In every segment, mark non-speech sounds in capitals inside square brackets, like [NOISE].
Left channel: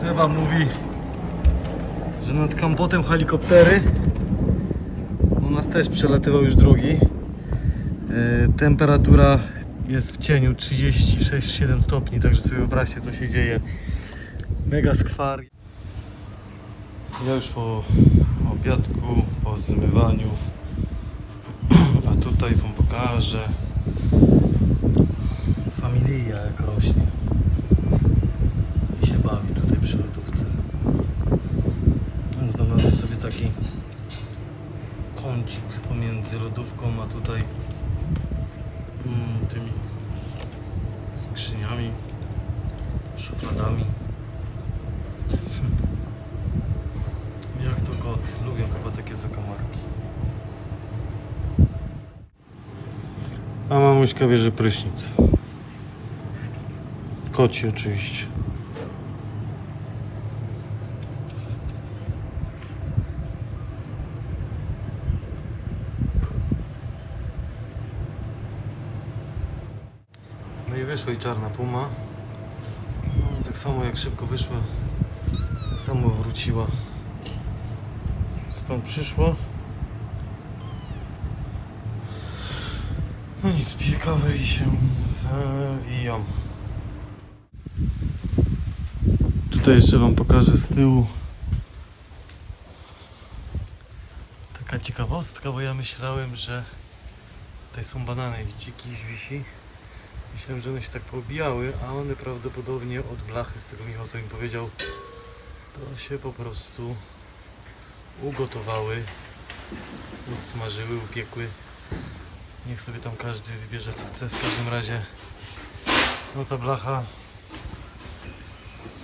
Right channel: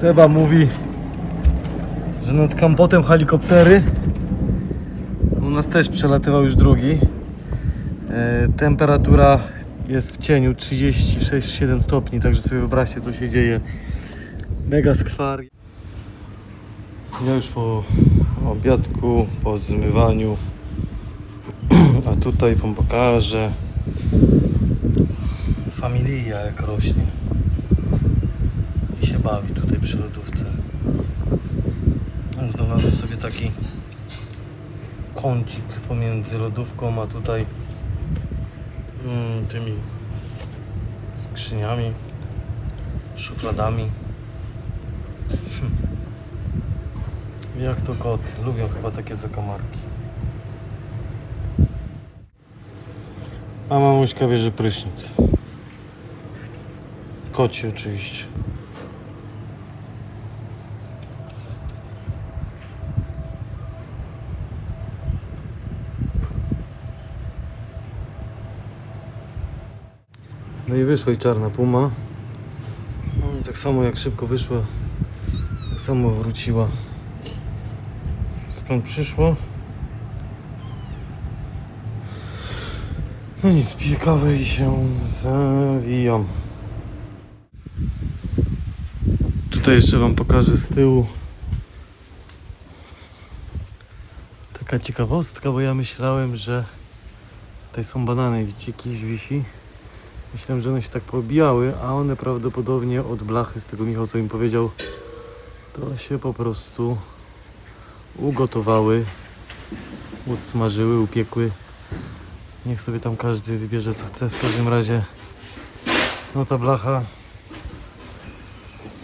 Seba mówi, że nad kampotem helikoptery. U nas też przelatywał już drugi. E, temperatura jest w cieniu 36-7 stopni, także sobie wyobraźcie co się dzieje. Mega skwar. Ja już po obiadku, po zmywaniu, [CLEARS THROAT] a tutaj wam pokażę familia jak rośnie bawi tutaj przy lodówce. Znalazłem sobie taki kącik pomiędzy lodówką a tutaj mm, tymi skrzyniami, szufladami. Hm. Jak to koty, lubią chyba takie zakamarki. A mamuśka bierze prysznic. Koci oczywiście. No i wyszła i czarna puma. No i tak samo jak szybko wyszła, tak samo wróciła. Skąd przyszła? No nic, piję kawę i się zawijam. Tutaj jeszcze wam pokażę z tyłu. Taka ciekawostka, bo ja myślałem, że tutaj są banany, widzicie, kiś wisi. Myślałem, że one się tak pobijały, a one prawdopodobnie od blachy, z tego Michał co im powiedział, to się po prostu ugotowały, usmażyły, upiekły. Niech sobie tam każdy wybierze co chce. W każdym razie, no ta blacha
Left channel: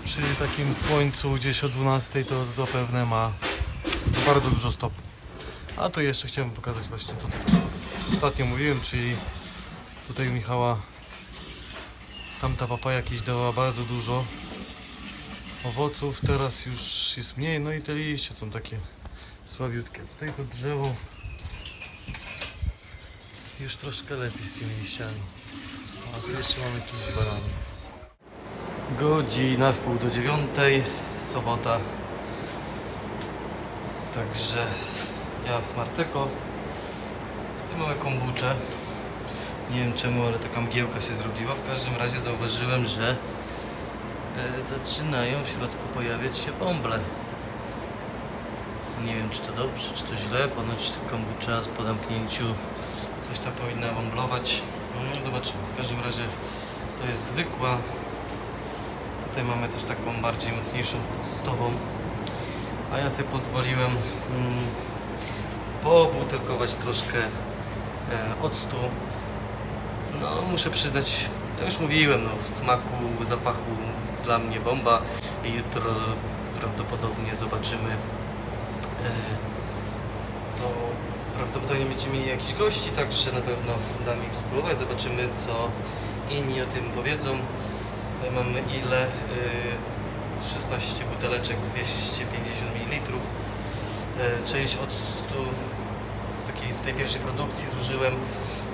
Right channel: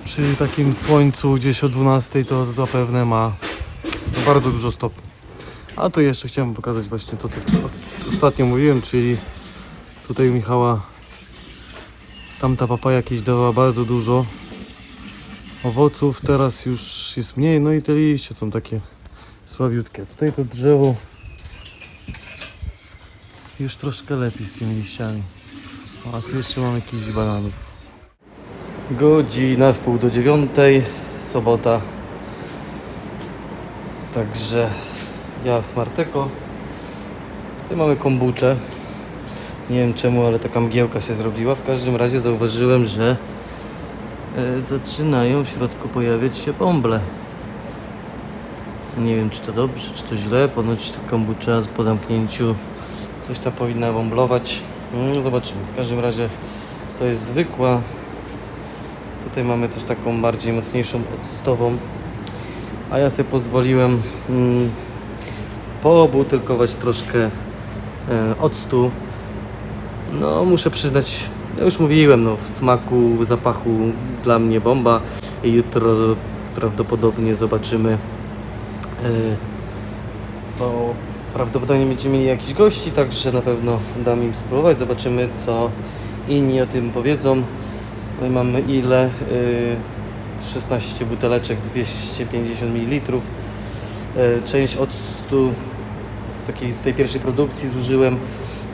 przy takim słońcu gdzieś o 12 to zapewne ma bardzo dużo stopni. A tu jeszcze chciałem pokazać właśnie to, co ostatnio mówiłem, czyli tutaj u Michała tamta papaja jakieś dawała bardzo dużo owoców, teraz już jest mniej, no i te liście są takie słabiutkie. Tutaj to drzewo już troszkę lepiej z tymi liściami. A tu jeszcze mamy jakiś bananów. Godzina w pół do dziewiątej, sobota. Także ja w Smarteko. Tutaj mamy kombuczę. Nie wiem czemu, ale taka mgiełka się zrobiła. W każdym razie zauważyłem, że e, zaczynają w środku pojawiać się bąble. Nie wiem czy to dobrze, czy to źle. Ponoć ta kombucza po zamknięciu coś tam powinna bąblować. Mm, Zobaczymy. W każdym razie to jest zwykła. Tutaj mamy też taką bardziej mocniejszą, octową. A ja sobie pozwoliłem mm, pobutelkować troszkę e, octu. No muszę przyznać, ja już mówiłem, no w smaku, w zapachu dla mnie bomba. I jutro prawdopodobnie zobaczymy e, to prawdopodobnie będziemy mieli jakichś gości, także na pewno dam im spróbować. Zobaczymy, co inni o tym powiedzą. My mamy ile? Y, 16 buteleczek, 250 ml. Y, Część octu z, takiej, z tej pierwszej produkcji zużyłem.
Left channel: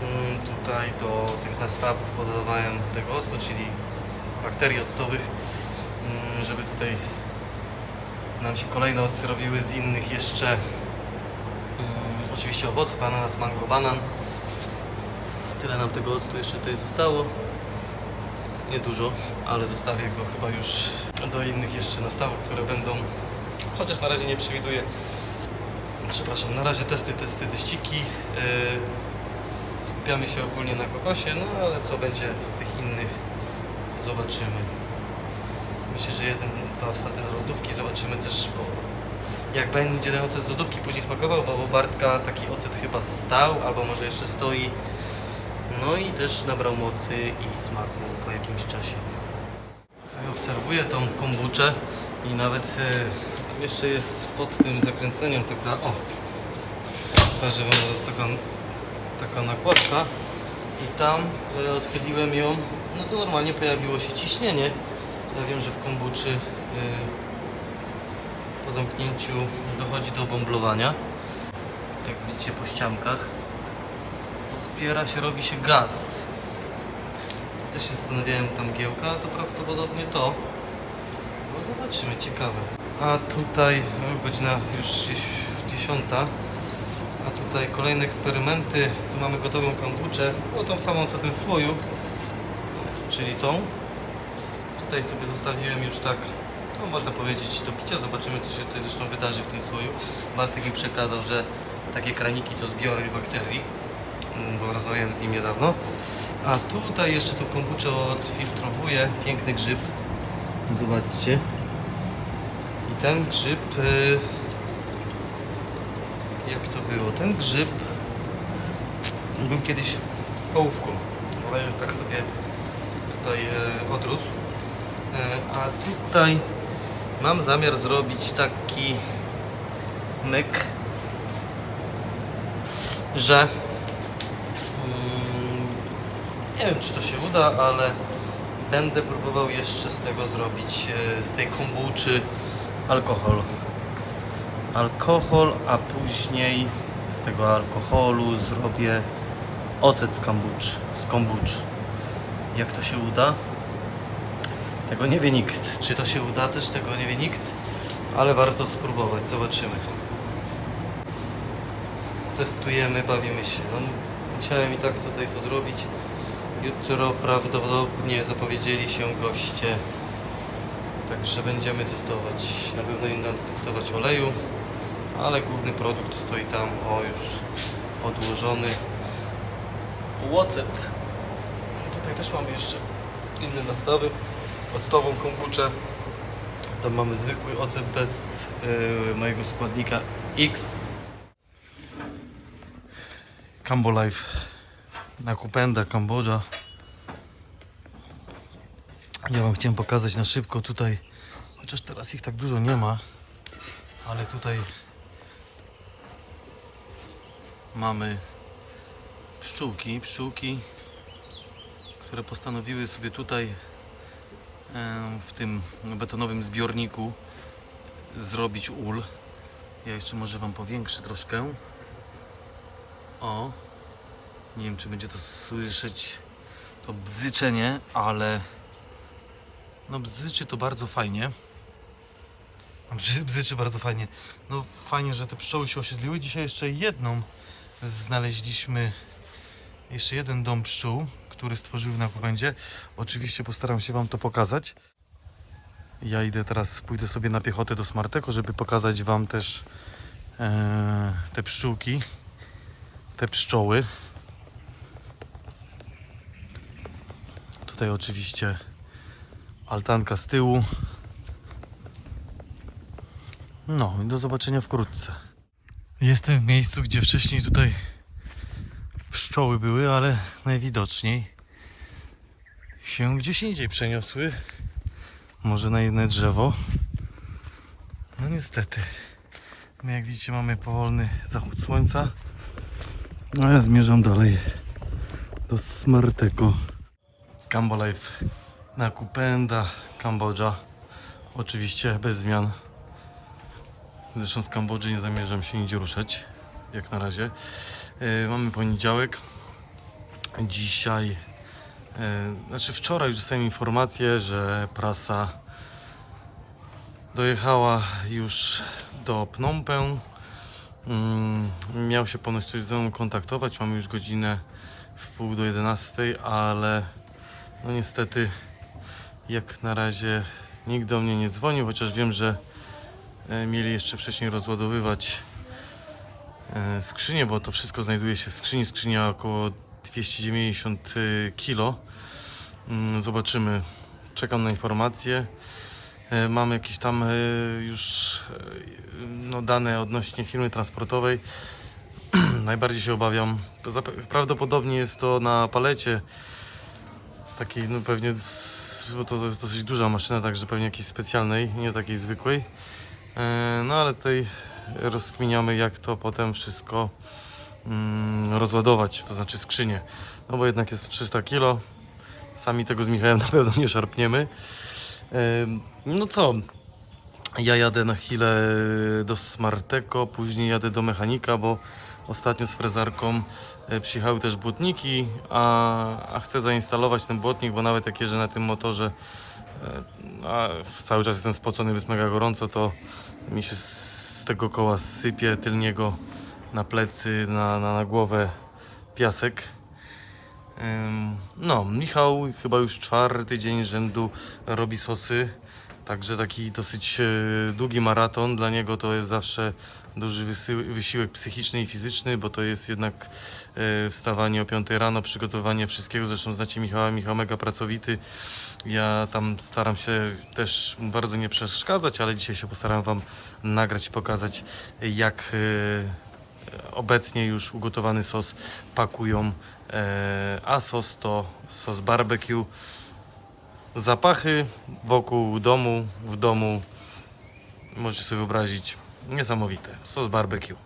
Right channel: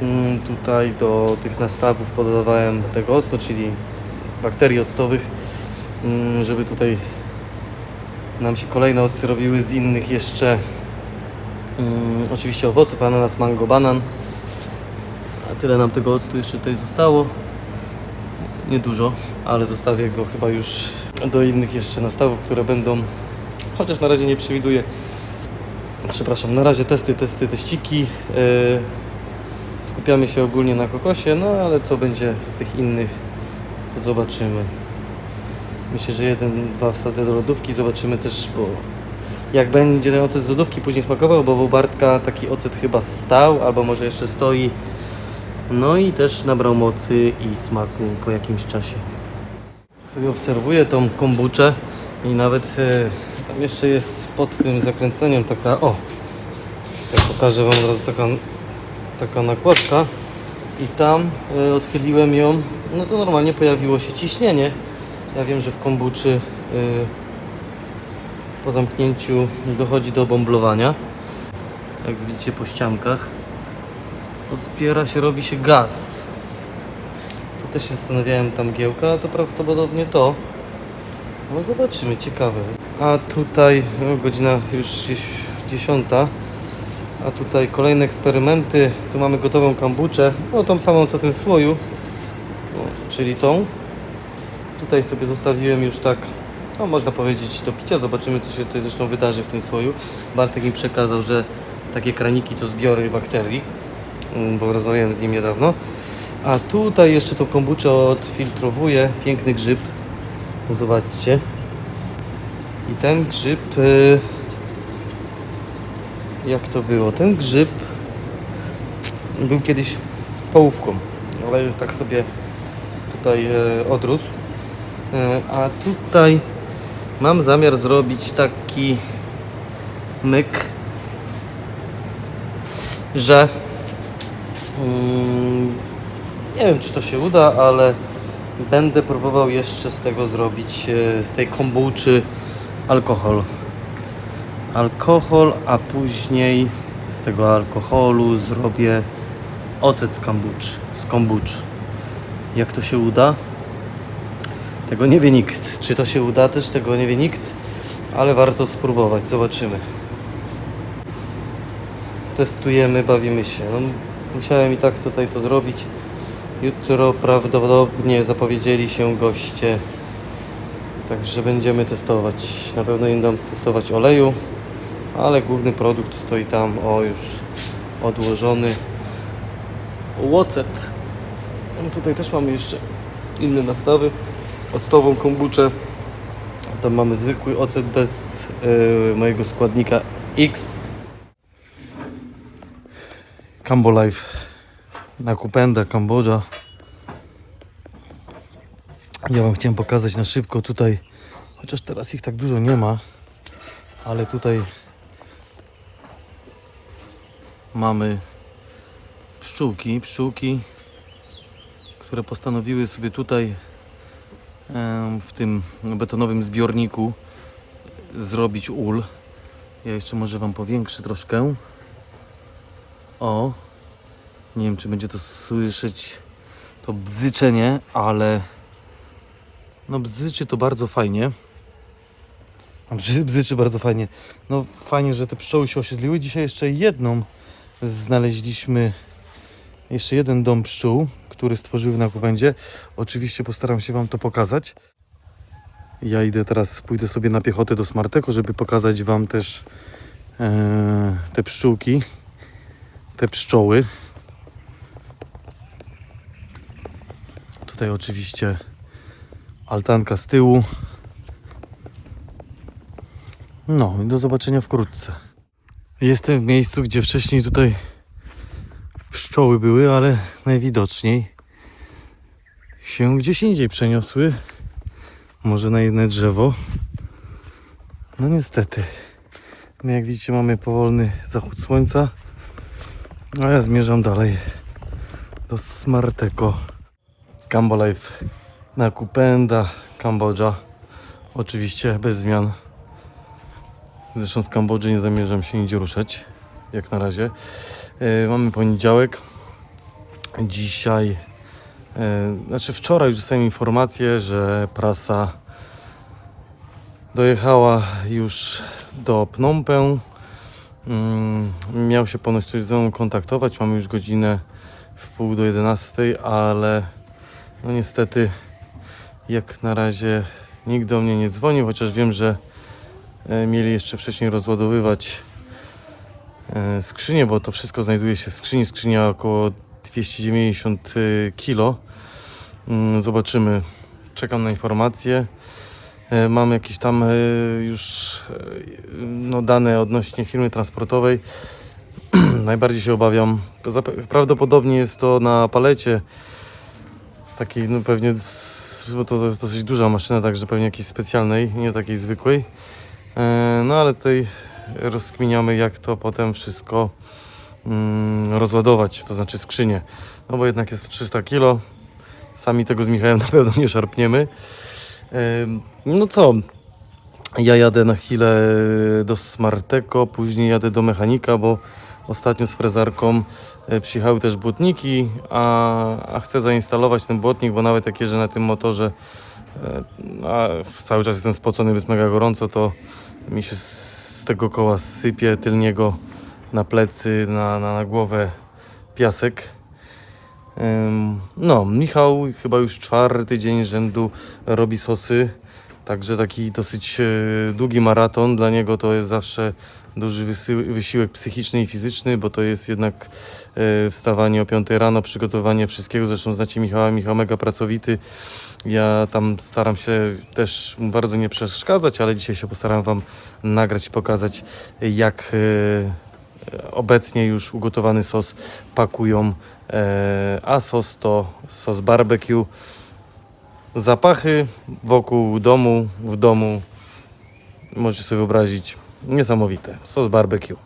Mm, Tutaj do tych nastawów podawałem tego octu, czyli bakterii octowych, mm, żeby tutaj nam się kolejne octy robiły z innych jeszcze Mm, oczywiście owoców, ananas, mango, banan. A tyle nam tego octu jeszcze tutaj zostało. Niedużo, ale zostawię go chyba już do innych jeszcze nastawów, które będą, chociaż na razie nie przewiduję. Przepraszam, na razie testy, testy, teściki. Yy, skupiamy się ogólnie na kokosie, no ale co będzie z tych innych, to zobaczymy. Myślę, że jeden, dwa wsadzę do lodówki, zobaczymy też, bo jak będzie ten ocet z lodówki później smakował, bo u Bartka taki ocet chyba stał, albo może jeszcze stoi. No i też nabrał mocy i smaku po jakimś czasie. Sobie obserwuję tą kombuczę i nawet e, tam jeszcze jest pod tym zakręceniem taka, o, ja pokażę Wam zaraz taka, taka nakładka i tam e, odchyliłem ją, no to normalnie pojawiło się ciśnienie. Ja wiem, że w kombuczy e, po zamknięciu dochodzi do bąblowania. Jak widzicie po ściankach, to zbiera się, robi się gaz. Tu też się zastanawiałem, tam giełka, to prawdopodobnie to. No zobaczymy, ciekawe. A tutaj no, godzina już gdzieś 10. A tutaj kolejne eksperymenty. Tu mamy gotową kambuczę. No tą samą co ten słoju. No, czyli tą. Tutaj sobie zostawiłem już tak, no można powiedzieć do picia. Zobaczymy co się tutaj zresztą wydarzy w tym słoju. Bartek mi przekazał, że takie kraniki to zbiory bakterii. Mm, Bo rozmawiałem z nim niedawno. A tutaj jeszcze tą kombuczę odfiltrowuję. Piękny grzyb. Zobaczcie. I ten grzyb. y, Jak to było? Ten grzyb był kiedyś połówką, ale już tak sobie tutaj e, odrósł. E, A tutaj mam zamiar zrobić taki myk, że mm, nie wiem czy to się uda, ale będę próbował jeszcze z tego zrobić, e, z tej kombuczy alkohol. Alkohol, a później z tego alkoholu zrobię ocet z kombucz. Z kombucz. Jak to się uda? Tego nie wie nikt. Czy to się uda też? Tego nie wie nikt. Ale warto spróbować. Zobaczymy. Testujemy, bawimy się. No, musiałem i tak tutaj to zrobić. Jutro prawdopodobnie zapowiedzieli się goście. Także będziemy testować. Na pewno im dam testować oleju, ale główny produkt stoi tam, o już odłożony. Łocet. Tutaj też mamy jeszcze inne nastawy. Octową kombuczę. Tam mamy zwykły ocet bez y, mojego składnika X. Cambo Life na Kupenda, Kambodża. Ja Wam chciałem pokazać na szybko tutaj, chociaż teraz ich tak dużo nie ma, ale tutaj mamy pszczółki, pszczółki, które postanowiły sobie tutaj w tym betonowym zbiorniku zrobić ul. Ja jeszcze może Wam powiększę troszkę. O, nie wiem czy będzie to słyszeć to bzyczenie, ale no bzyczy to bardzo fajnie. Bzy, bzyczy bardzo fajnie. No fajnie, że te pszczoły się osiedliły. Dzisiaj jeszcze jedną znaleźliśmy. Jeszcze jeden dom pszczół, który stworzyły na Kubendzie. Oczywiście postaram się Wam to pokazać. Ja idę teraz, pójdę sobie na piechotę do Smarteko, żeby pokazać Wam też e, te pszczółki, te pszczoły. Tutaj oczywiście altanka z tyłu. No i do zobaczenia wkrótce. Jestem w miejscu, gdzie wcześniej tutaj pszczoły były, ale najwidoczniej się gdzieś indziej przeniosły. Może na jedno drzewo. No niestety. My jak widzicie mamy powolny zachód słońca. A ja zmierzam dalej do Smarteko. Cambo Life na Kupenda, Kambodża. Oczywiście bez zmian. Zresztą z Kambodży nie zamierzam się nigdzie ruszać, jak na razie. E, mamy poniedziałek. Dzisiaj, e, znaczy wczoraj już dostałem informację, że prasa dojechała już do Phnom Penh. Mm, miał się ponoć ktoś ze mną kontaktować. Mamy już godzinę w pół do 11, ale no niestety jak na razie nikt do mnie nie dzwonił, chociaż wiem, że mieli jeszcze wcześniej rozładowywać e, skrzynię, bo to wszystko znajduje się w skrzyni. Skrzynia około 290 kg. Mm, Zobaczymy. Czekam na informacje. E, Mam jakieś tam e, już e, no, dane odnośnie firmy transportowej. [CLEARS THROAT] Najbardziej się obawiam. to Prawdopodobnie jest to na palecie takiej, no pewnie, bo to jest dosyć duża maszyna, także pewnie jakiejś specjalnej, nie takiej zwykłej. E, No ale tutaj rozkminiamy, jak to potem wszystko mm, rozładować, to znaczy skrzynię. No bo jednak jest to 300 kg. Sami tego z Michałem [LAUGHS] na pewno nie szarpniemy. E, No co, ja jadę na chwilę do Smarteko, później jadę do mechanika, bo ostatnio z frezarką e, przyjechały też błotniki, a, a chcę zainstalować ten błotnik, bo nawet jak jeżdżę na tym motorze, a cały czas jestem spocony, jest mega gorąco, to mi się z tego koła sypie tylniego na plecy, na, na, na głowę piasek. No, Michał chyba już czwarty dzień rzędu robi sosy, także taki dosyć e, długi maraton. Dla niego to jest zawsze duży wysiłek psychiczny i fizyczny, bo to jest jednak e, wstawanie o 5 rano, przygotowanie wszystkiego. Zresztą znacie Michała, Michał mega pracowity. Ja tam staram się też bardzo nie przeszkadzać, ale dzisiaj się postaram Wam nagrać i pokazać, jak e, obecnie już ugotowany sos pakują, e, a sos to sos barbecue. Zapachy wokół domu, w domu, możecie sobie wyobrazić, niesamowite. Sos barbecue.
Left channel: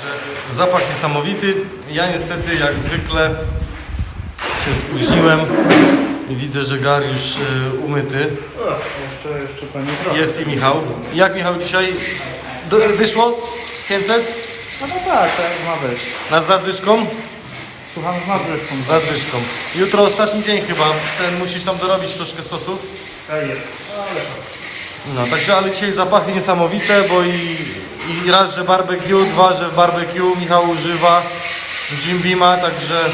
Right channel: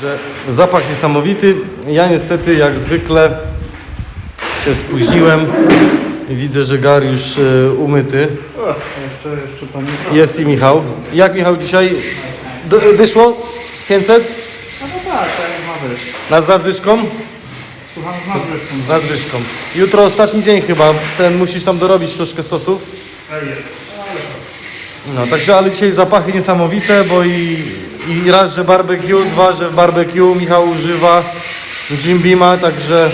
Że zapach niesamowity. Ja niestety jak zwykle się spóźniłem i widzę, że gar już e, umyty. Jest i Michał. Jak Michał dzisiaj Do, wyszło? 500? No, no tak, tak ma być. Na z nadwyżką? Słucham z nadwyżką. Z nadwyżką. Jutro ostatni dzień chyba. Ten musisz tam dorobić troszkę sosów. No, także ale dzisiaj zapachy niesamowite, bo i, i raz, że barbecue, dwa, że barbecue Michał używa Jim Beama, także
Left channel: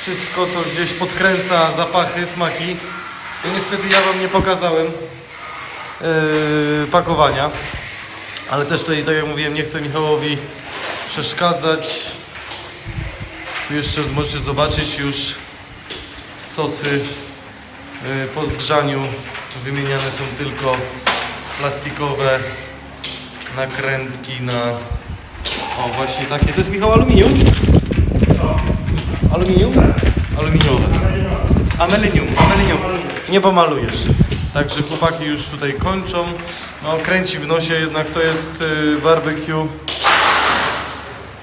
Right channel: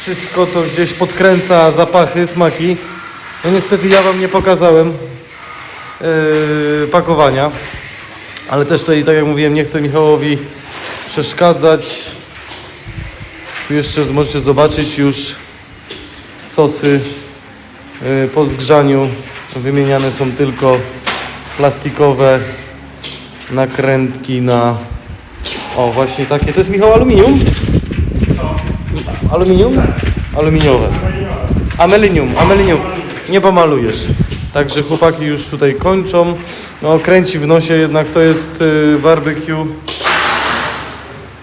wszystko to gdzieś podkręca zapachy, smaki. No niestety ja Wam nie pokazałem yy, pakowania, ale też tutaj, tak jak mówiłem, nie chcę Michałowi przeszkadzać. Tu jeszcze możecie zobaczyć już sosy yy, po zgrzaniu. Wymieniane są tylko plastikowe nakrętki na... O, właśnie takie. To jest Michał aluminium? Aluminium? Aluminiowe. Amelinium, amelinium. Nie pomalujesz. Także chłopaki już tutaj kończą. No, kręci w nosie, jednak to jest y, barbecue.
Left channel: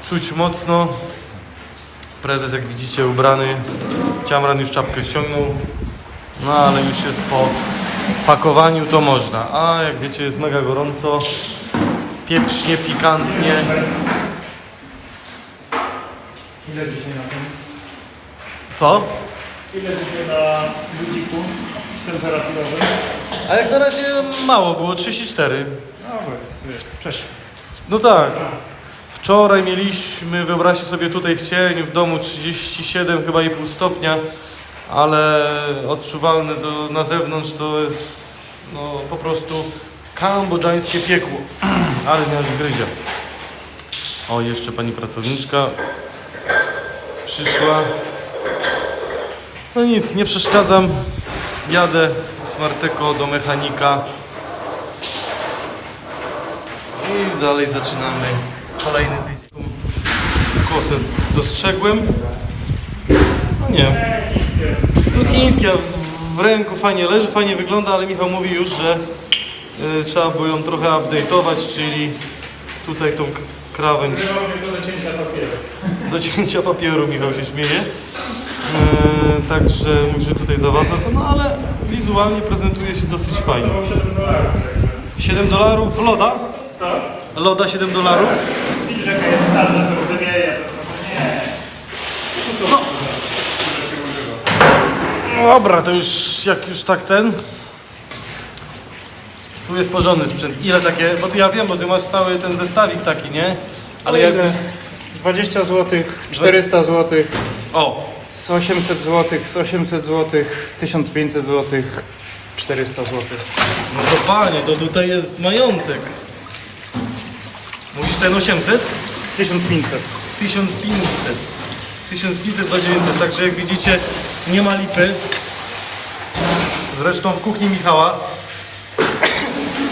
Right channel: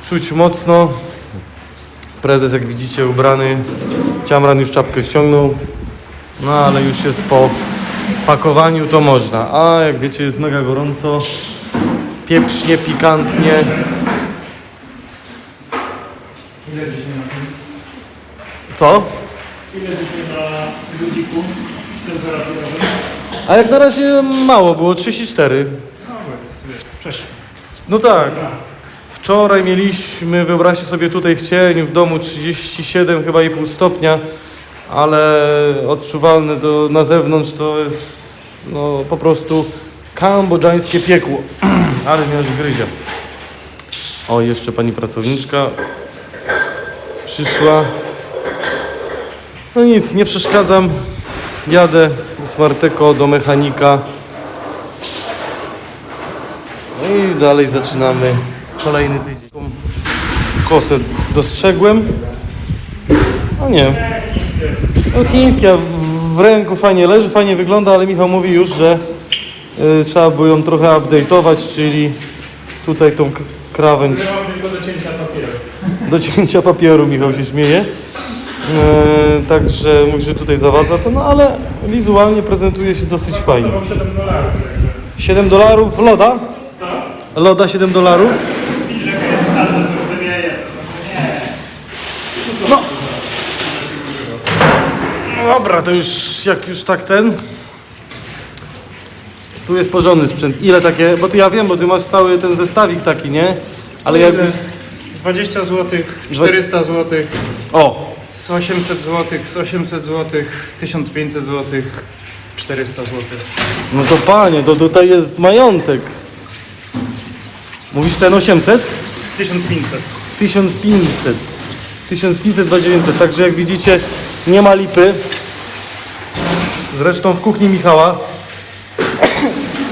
Czuć mocno. Prezes, jak widzicie, ubrany. Ciamran już czapkę ściągnął. No, ale już jest po pakowaniu, to można. A jak wiecie, jest mega gorąco. Pieprznie, pikantnie. Ile dzisiaj na tym? Co? Ile dzisiaj na lubiku temperaturowy? A jak na razie mało było, 34. Cześć. No tak. Wczoraj mieliśmy, wyobraźcie sobie tutaj w cieniu w domu 37 chyba i pół stopnia, ale odczuwalne do, na zewnątrz to jest no, po prostu kambodżańskie piekło. [CLEARS THROAT] ale nie aż gryzie. O, jeszcze pani pracowniczka przyszła. No nic, nie przeszkadzam. Jadę do Smarteko, do mechanika. No i dalej zaczynamy kolejny tydzień. Kosę dostrzegłem. No nie. No w- ręku fajnie leży, fajnie wygląda, ale Michał mówi już, że y, trzeba było ją trochę update'ować, czyli tutaj tą k- krawędź Do cięcia papieru. Michał się śmieje. E, także mówi, że tutaj zawadza to, no ale wizualnie prezentuje się dosyć fajnie. 7 dolarów loda? Loda 7 dolarów? Dobra, to już jak już tak ten. Tu jest porządny sprzęt. Ile takie, bo ty ja wiem, bo ty masz cały ten zestawik taki, nie? Ale jakby... 20 zł, 400 zł, O, z 800 zł, z 800 zł, 1500 zł, 400 zł. No to panie, to tutaj jest majątek. Mówisz ten 800? 1500. 1500. 1500, 2900. Także jak widzicie, nie ma lipy. Zresztą w kuchni Michała.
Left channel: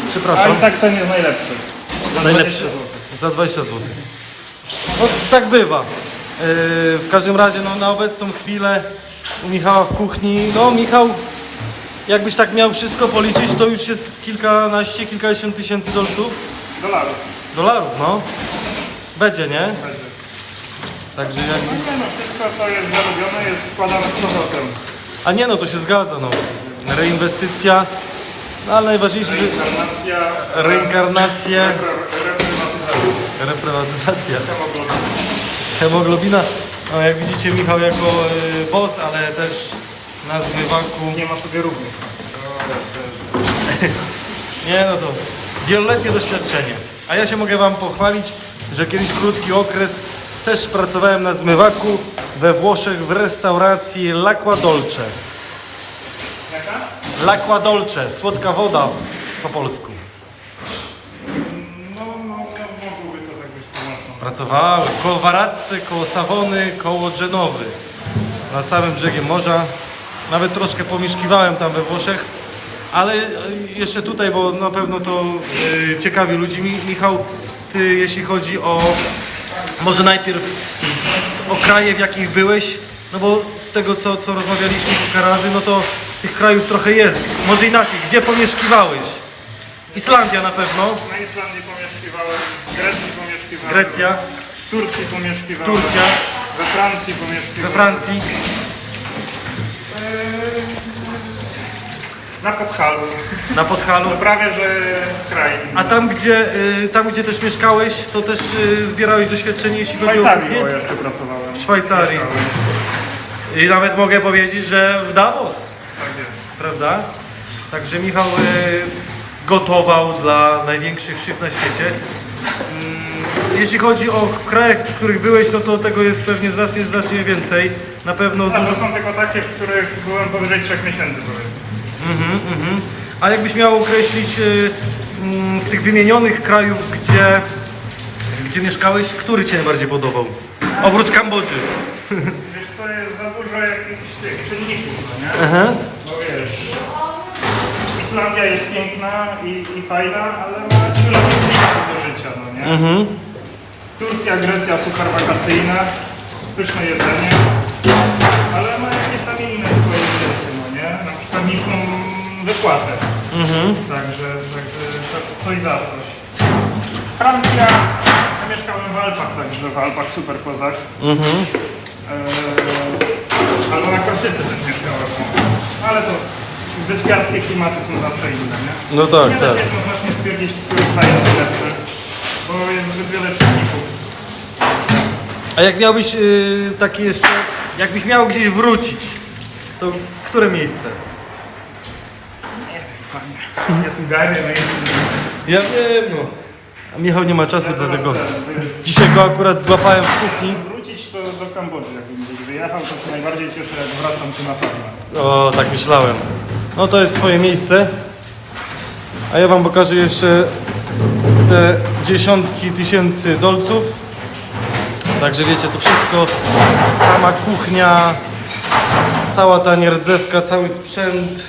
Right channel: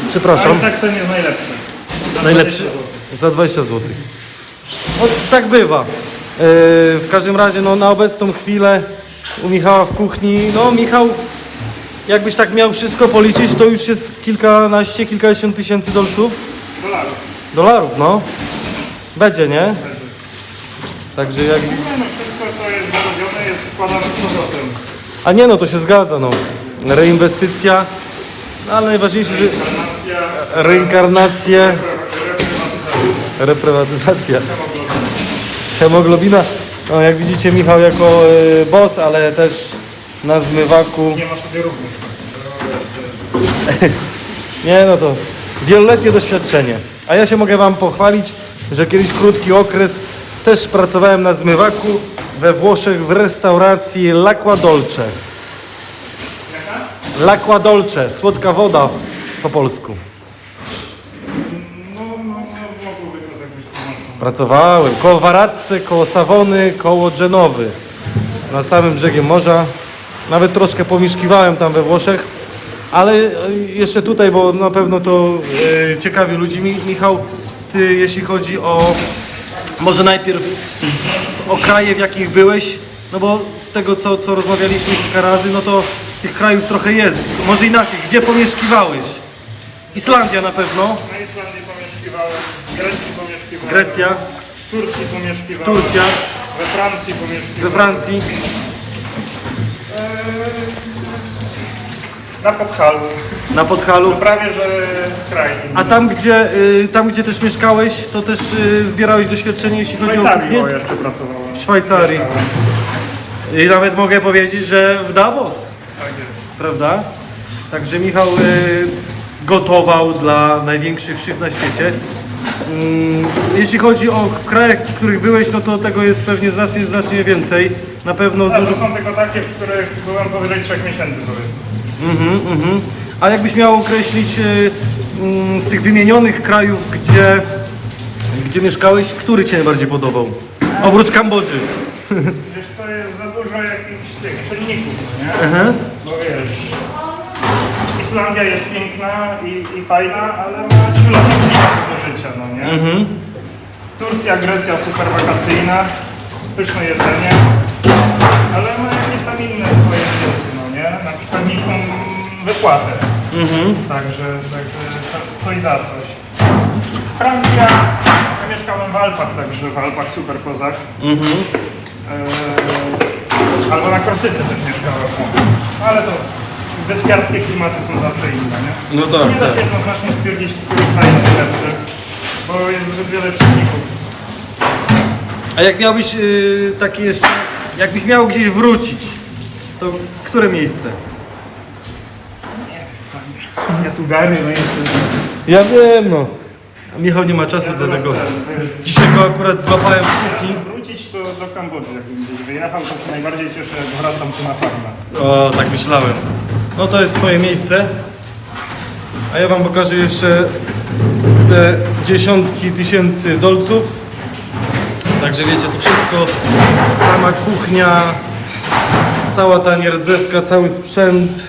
Przepraszam. Ale tak to nie jest najlepszy. Za Najlepszy? 20 zł. Za 20 zł. No tak bywa. Yy, w każdym razie no, na obecną chwilę u Michała w kuchni, no Michał, jakbyś tak miał wszystko policzyć, to już jest kilkanaście, kilkadziesiąt tysięcy dolców. Dolarów. Dolarów, no. Będzie, nie? Także jak... No, no wszystko co jest z powrotem. A nie no, to się zgadza, no. Reinwestycja, no ale najważniejsze, że Informacja, reinkarnację, reprywatyzacja. reprywatyzacja. hemoglobina. No, jak widzicie Michał jako y, boss, ale też na zmywaku. Nie ma sobie równych. [LAUGHS] Nie no to wieloletnie doświadczenie. A ja się mogę wam pochwalić, że kiedyś krótki okres też pracowałem na zmywaku we Włoszech w restauracji L'Acqua Dolce. L'Acqua Dolce, słodka woda po polsku. No, no, no, to tak być. Pracowałem koło Varazze, koło Savony, koło Genowy. Na samym brzegiem morza. Nawet troszkę pomieszkiwałem tam we Włoszech. Ale e, jeszcze tutaj, bo na pewno to e, ciekawi ludzi. Mi, Michał, ty jeśli chodzi o... Może najpierw o kraje, w jakich byłeś. No bo z tego, co, co rozmawialiśmy kilka razy, no to tych krajów trochę jest. Może inaczej, gdzie pomieszkiwałeś? Islandia na pewno, Na Islandii pomieszkiwałem, w Grecji pomieszkiwałem, Grecja, w Turcji pomieszkiwałem, Turcja, we Francji we pomieszkiwałem, Francji. Na Podhalu, Na Podhalu. prawie że kraj. A tam gdzie, y, tam gdzie też mieszkałeś, to też y, zbierałeś doświadczenie, jeśli W chodzi Szwajcarii o... bo Nie, jeszcze pracowałem. w Szwajcarii. Mieszkałem. I nawet mogę powiedzieć, że w Davos, Tak jest. prawda? Także Michał y, gotował dla największych szyb na świecie. Ym, Jeśli chodzi o w krajach, w których byłeś, no to tego jest pewnie znacznie, znacznie więcej. Na pewno A dużo... to są tylko takie, w których byłem powyżej 3 miesięcy powiedzmy. Mhm, mhm. A jakbyś miał określić y, mm, z tych wymienionych krajów, gdzie, gdzie mieszkałeś, który Cię najbardziej podobał? Oprócz Kambodży. Wiesz co, jest za dużo jakichś tych czynników, no nie? Aha. Bo wiesz, Islandia jest piękna i, i fajna, ale ma kilofon do życia, no nie? Turcja, Grecja super wakacyjna, pyszne jedzenie, ale ma jakieś tam inne swoje no nie? Na przykład niską wypłatę. Także, także co- coś za coś. Francja, ja mieszkałem w Alpach, także w Alpach super kozak. Eee, albo na Korsyce też mieszkałem. Ale to wyspiarskie klimaty są zawsze inne, nie? No tak, Nie da się jednoznacznie stwierdzić, który staje lepszy, bo jest zbyt wiele czynników. A jak miałbyś y, taki jest, jakbyś miał gdzieś wrócić, to w które miejsce? Ja tu gary, no i Ja wiem, no. A Michał nie ma czasu do tego. Dzisiaj go akurat złapałem w kuchni. Wrócić to do Kambodży, jakbym gdzieś wyjechał, to się najbardziej cieszę, jak wracam tu na farmę. O, tak myślałem. No to jest twoje miejsce. A ja wam pokażę jeszcze te dziesiątki tysięcy dolców. Także wiecie, to wszystko, sama kuchnia, cała ta nierdzewka, cały sprzęt.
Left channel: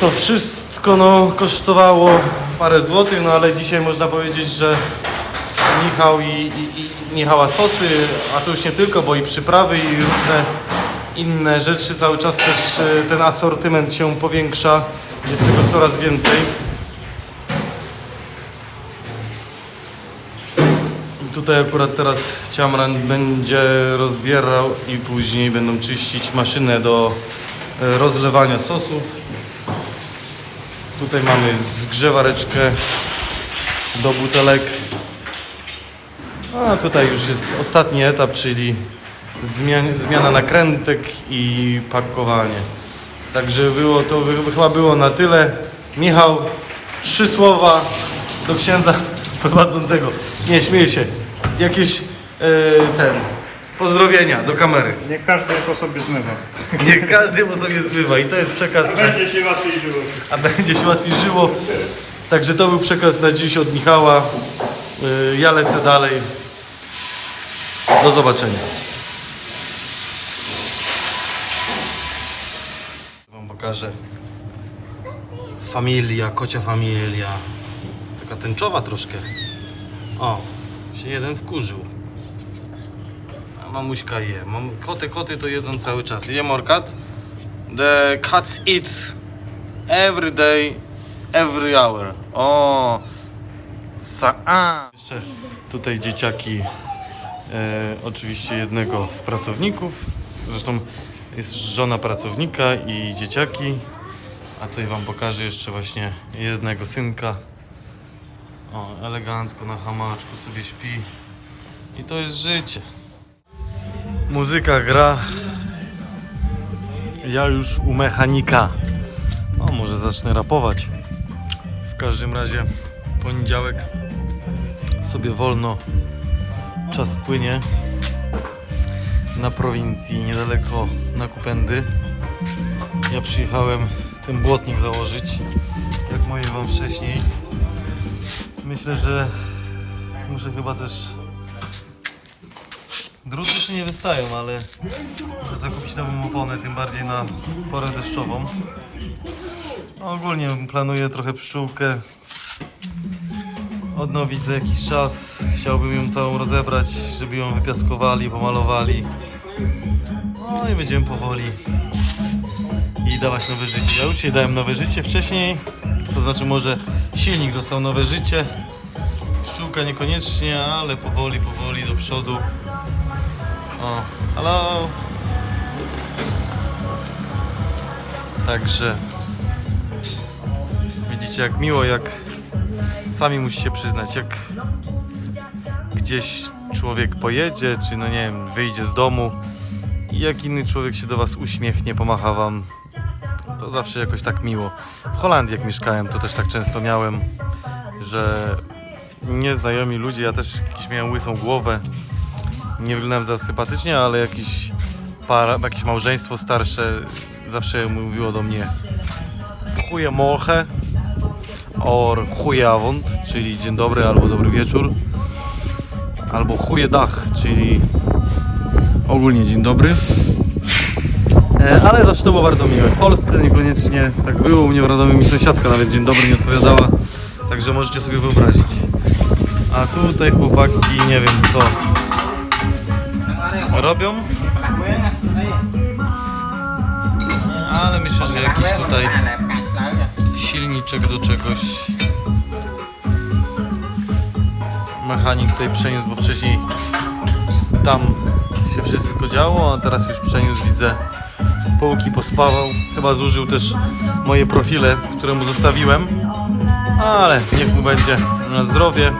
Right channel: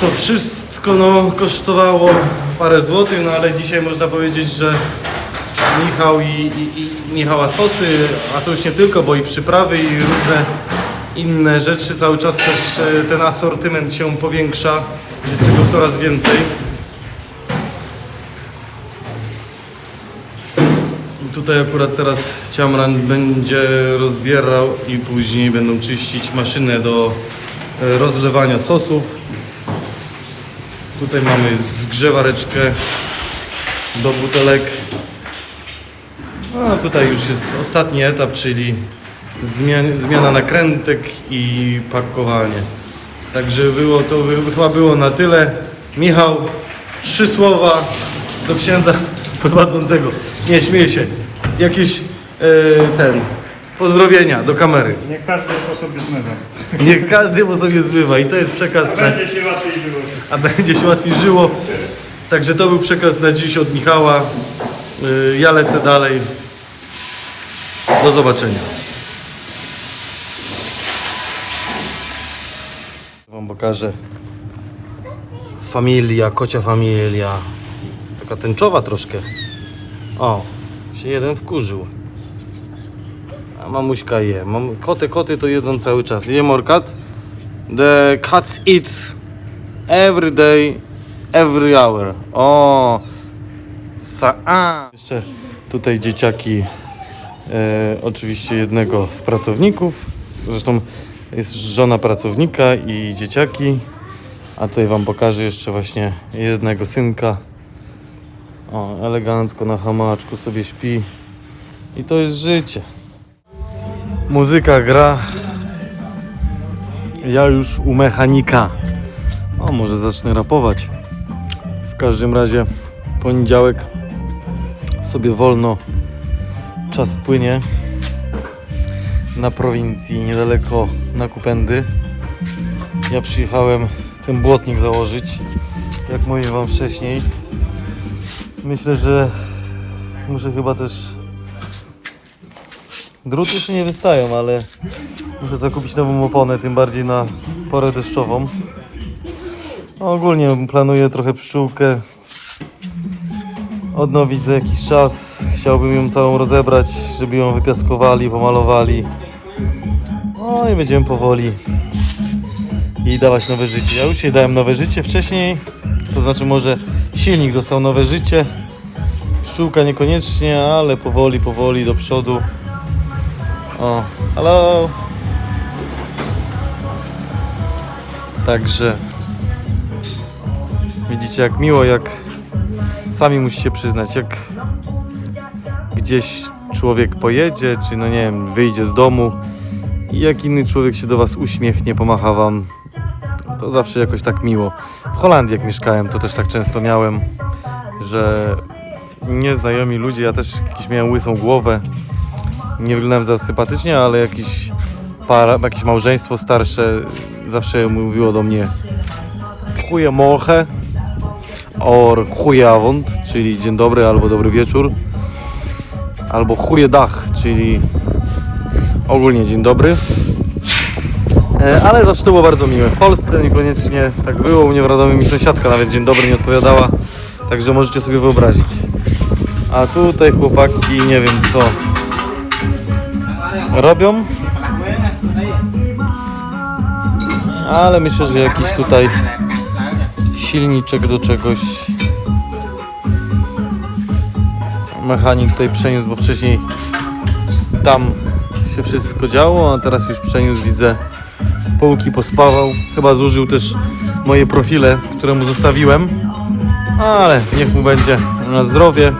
To wszystko no, kosztowało parę złotych, no ale dzisiaj można powiedzieć, że Michał i, i, i Michała sosy, a to już nie tylko, bo i przyprawy i różne inne rzeczy. Cały czas też e, ten asortyment się powiększa, jest tego coraz więcej. Tutaj akurat teraz Ciamran będzie rozbierał i później będą czyścić maszynę do e, rozlewania sosów. Tutaj mamy zgrzewareczkę do butelek. A tutaj już jest ostatni etap, czyli zmian, zmiana nakrętek i pakowanie. Także było to chyba było na tyle. Michał, trzy słowa do księdza [LAUGHS] prowadzącego. Nie śmieję się. Jakieś e, ten pozdrowienia do kamery. Niech [LAUGHS] każdy po sobie zmywa. Niech każdy po sobie zbywa i to jest przekaz na, Będzie się łatwiej żyło. a będzie się łatwiej żyło. Także to był przekaz na dziś od Michała. Y, Ja lecę dalej. Do zobaczenia. Wam pokażę. Familia, kocia familia. Taka tęczowa troszkę. O, się jeden wkurzył. A mamuśka je. Mam, koty, koty to jedzą cały czas. Je morkat. The cats eat every day, every hour. O, sa a. Jeszcze tutaj dzieciaki, e, oczywiście jednego z pracowników. Zresztą jest żona pracownika i dzieciaki. A tutaj wam pokażę jeszcze właśnie jednego synka. O, elegancko na hamaczku sobie śpi. I to jest życie. Muzyka gra. Ja już u mechanika. O, może zacznę rapować. W każdym razie poniedziałek sobie wolno. Czas płynie na prowincji, niedaleko na Kupendy. Ja przyjechałem ten błotnik założyć, jak mówiłem Wam wcześniej. Myślę, że muszę chyba też. Druty jeszcze nie wystają, ale muszę zakupić nową oponę, tym bardziej na porę deszczową. No, ogólnie planuję trochę pszczółkę odnowić za jakiś czas. Chciałbym ją całą rozebrać, żeby ją wypiaskowali, pomalowali. No i będziemy powoli jej dawać nowe życie. Ja już jej dałem nowe życie wcześniej, to znaczy może silnik dostał nowe życie. Pszczółka niekoniecznie, ale powoli, powoli do przodu. O, hello. Także widzicie jak miło, jak sami musicie przyznać, jak gdzieś człowiek pojedzie, czy no nie wiem, wyjdzie z domu i jak inny człowiek się do was uśmiechnie, pomacha wam, to zawsze jakoś tak miło. W Holandii jak mieszkałem, to też tak często miałem, że nieznajomi ludzie, ja też jakiś miałem łysą głowę, nie wyglądałem za sympatycznie, ale jakiś para, jakieś małżeństwo starsze zawsze mówiło do mnie chuje morche or chujawond, czyli dzień dobry albo dobry wieczór albo chuje dach, czyli ogólnie dzień dobry ale zawsze to było bardzo miłe. W Polsce niekoniecznie tak było, u mnie w Radomiu mi sąsiadka nawet dzień dobry nie odpowiadała, także możecie sobie wyobrazić. A tutaj chłopaki nie wiem co robią, ale myślę, że jakiś tutaj silniczek do czegoś mechanik tutaj przeniósł, bo wcześniej tam się wszystko działo, a teraz już przeniósł, widzę, połki pospawał. Chyba zużył też moje profile, które mu zostawiłem, ale niech mu będzie na zdrowie.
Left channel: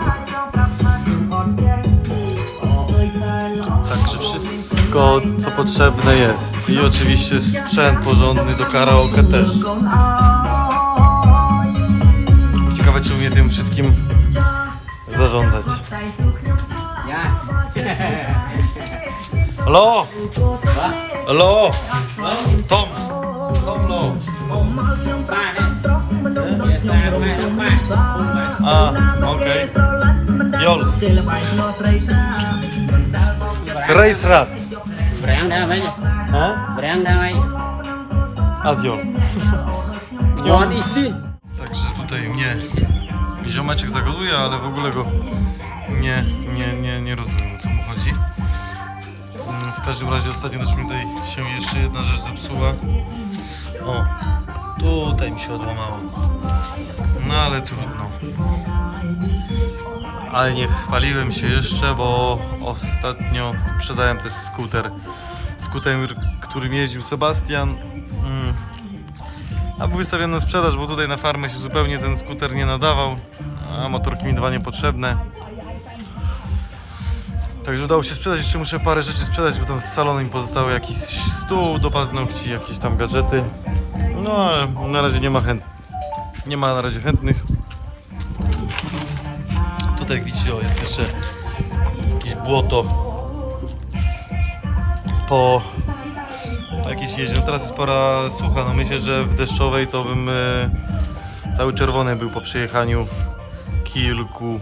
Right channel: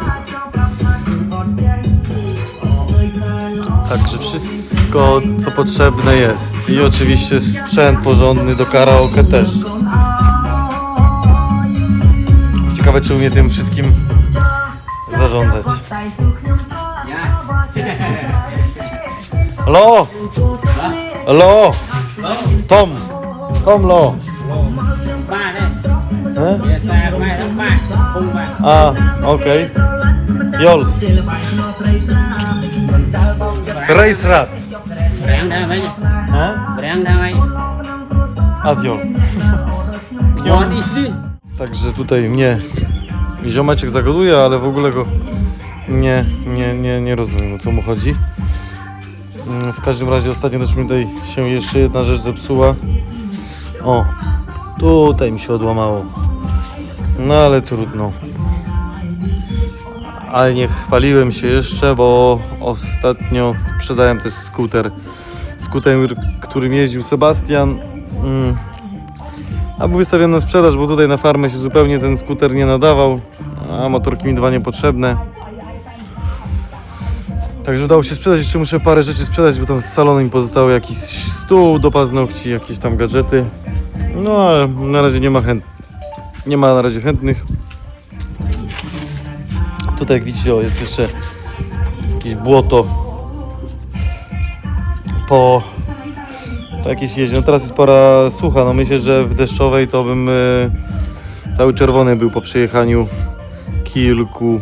Także wszystko, co potrzebne jest. I oczywiście sprzęt porządny do karaoke też. Ciekawe, czy umie tym wszystkim zarządzać. Halo! Halo! Tom! Tom Lo! E? A, okej. Jol. Srejsrat. Berangkat aja. E? Berangkat aja. Adjo. Mohon [LAUGHS] izin. Także tutaj mnie ziomeczek zagaduje, ale w ogóle go nie, nie, nie, nie rozumiem o co mu chodzi. Mm, W każdym razie ostatnio też mi tutaj się jeszcze jedna rzecz zepsuła. O, tutaj mi się odłamało. No ale trudno. Ale nie chwaliłem się jeszcze, bo ostatnio sprzedałem też skuter. Skuter, którym jeździł Sebastian. Mm, a był wystawiony na sprzedaż, bo tutaj na farmę się zupełnie ten skuter nie nadawał, a motorki mi dwa niepotrzebne. Także udało się sprzedać, jeszcze muszę parę rzeczy sprzedać, bo tam z salonu mi pozostało jakiś stół do paznokci, jakieś tam gadżety. No ale na razie nie ma chęt... nie ma na razie chętnych. Tutaj jak widzicie, jest jeszcze jakieś błoto po to jakieś jeździ. No teraz jest pora sucha, no myślę, że w deszczowej to bym y, cały czerwony był po przejechaniu kilku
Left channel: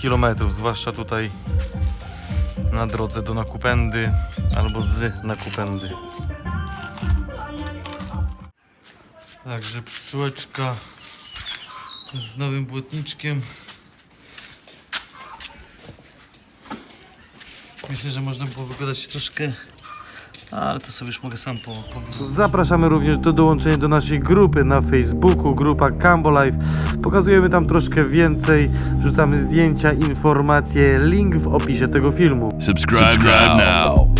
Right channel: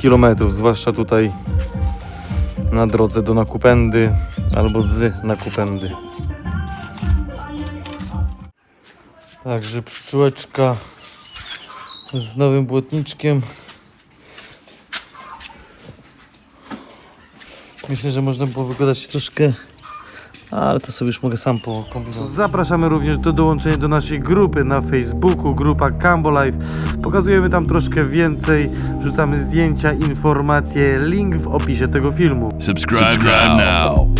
kilometrów, zwłaszcza tutaj na drodze do Nakupendy albo z Nakupendy. Także pszczółeczka z nowym błotniczkiem. Myślę, że można było wygadać troszkę ale to sobie już mogę sam pokombinować. Zapraszamy również do dołączenia do naszej grupy na Facebooku, grupa Cambo Life. Pokazujemy tam troszkę więcej, wrzucamy zdjęcia, informacje, link w opisie tego filmu. Subscribe, now.